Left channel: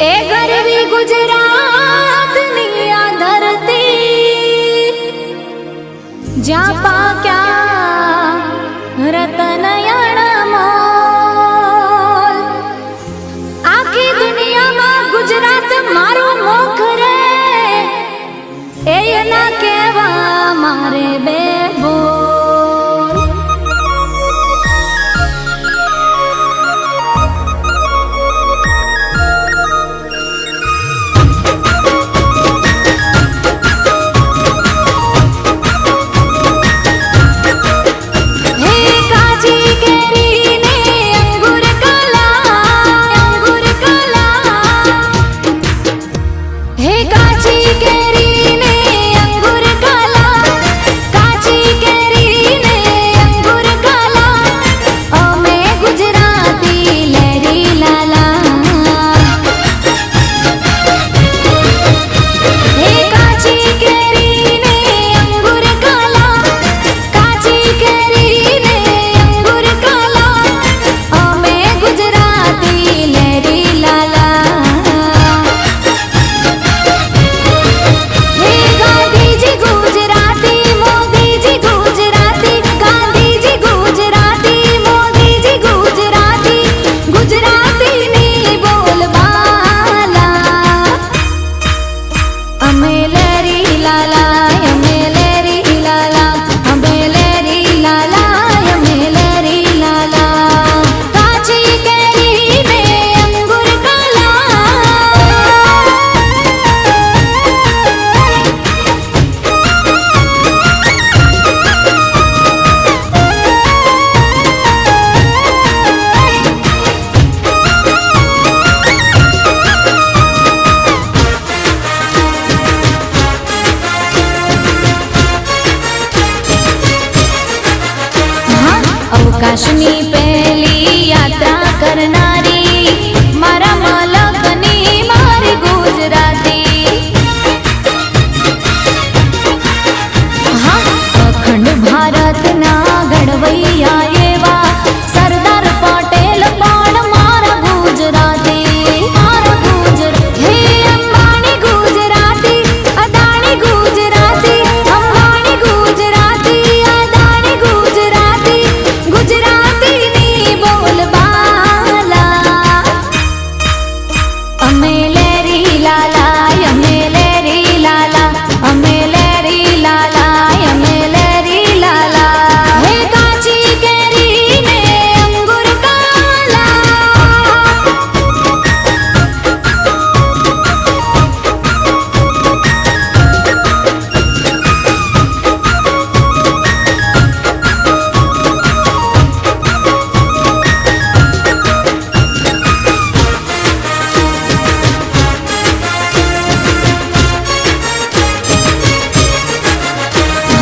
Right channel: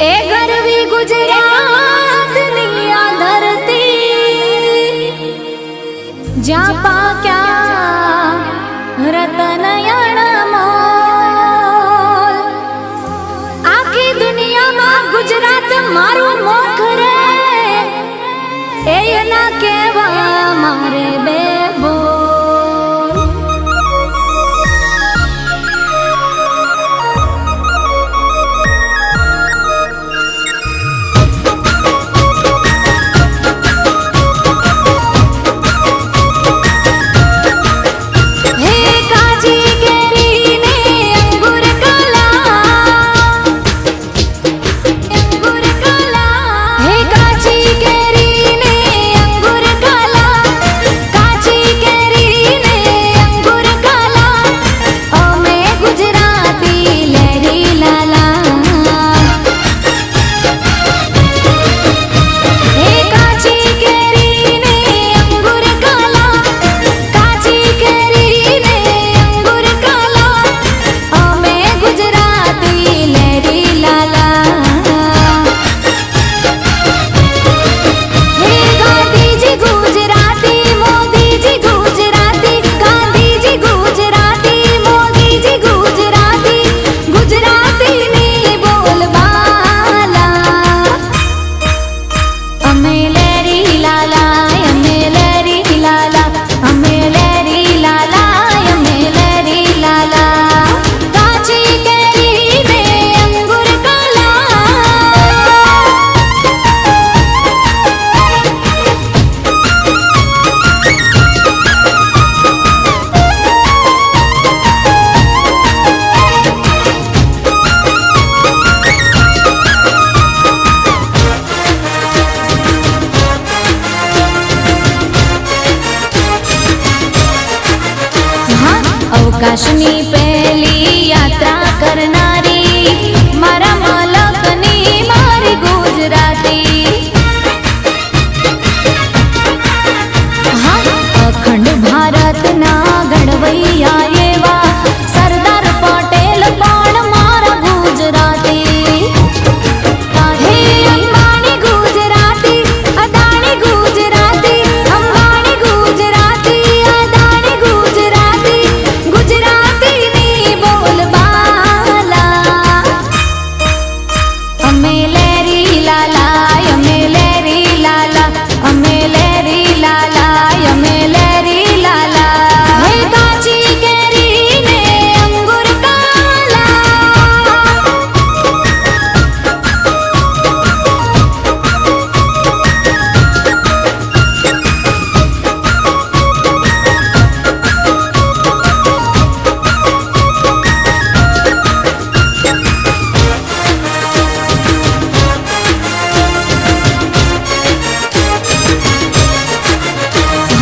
ए गरवी गुजरात नी आ धरती ज्या पाक्या रतन अणमोल आखी दुनिया में गुजरात मारो मोख रे ए ना केवा मारे बेबो अवकाशनी पहली यात्रा करनारी मारा मलकनी मारी गुजराती हाँ अखंड भारत ना घड़वैया एवा सरदार पटेल पण मारा गुजराती हे अंबानी गुजराती अदानी गुजराती अंबानी गुजराती अदानी गुजराती गुजराती नी बोलबाला अमे लेरी लाला अमे लेरी लाला अमे लेरी लाला अमे लेरी लाला हे काची केरी ने अंगूर काला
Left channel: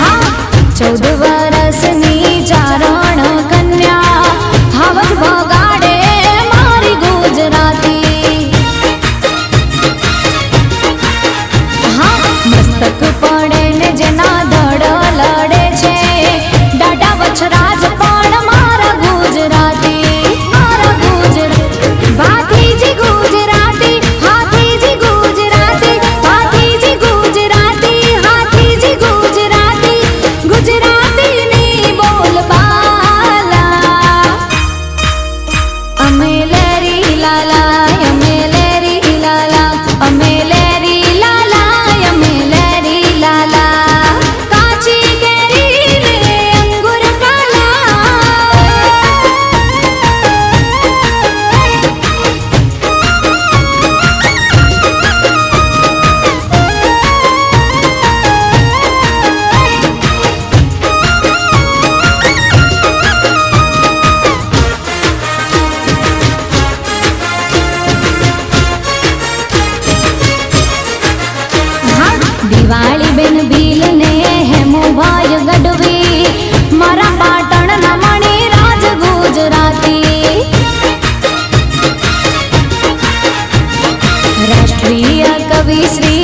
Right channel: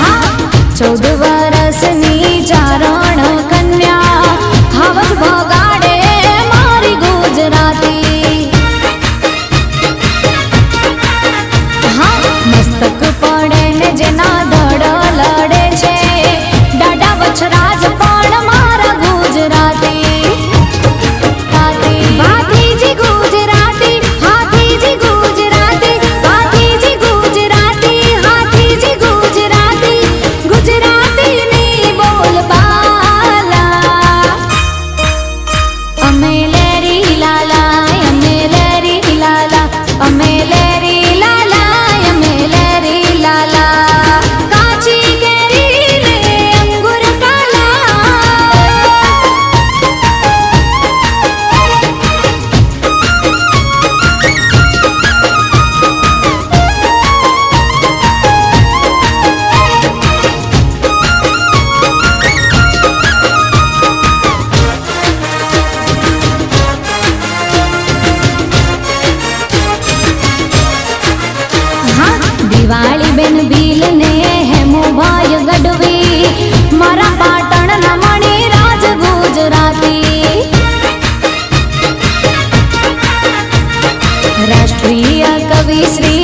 हाँ 14 वर्षनी चारण कन्या हावज भगाड़े मारी गुजराती हाँ मस्तक पड़े ने जेना धड़ लड़े छे डाडा वछराज पण मारा गुजराती भातीजी गुजराती हाथीजी गुजराती भातीजी गुजराती हाथीजी गुजराती गुजराती नी बोलबाला अमे लेरी लाला अमे लेरी लाला अमे लेरी लाला अमे लेरी लाला काची केरी ने अंगूर काला दिवाली बेन भील ने हेमो भाई गढ़वी मारा पाटण ना मणि राज गुजराती राष्ट्रीय कवि श्री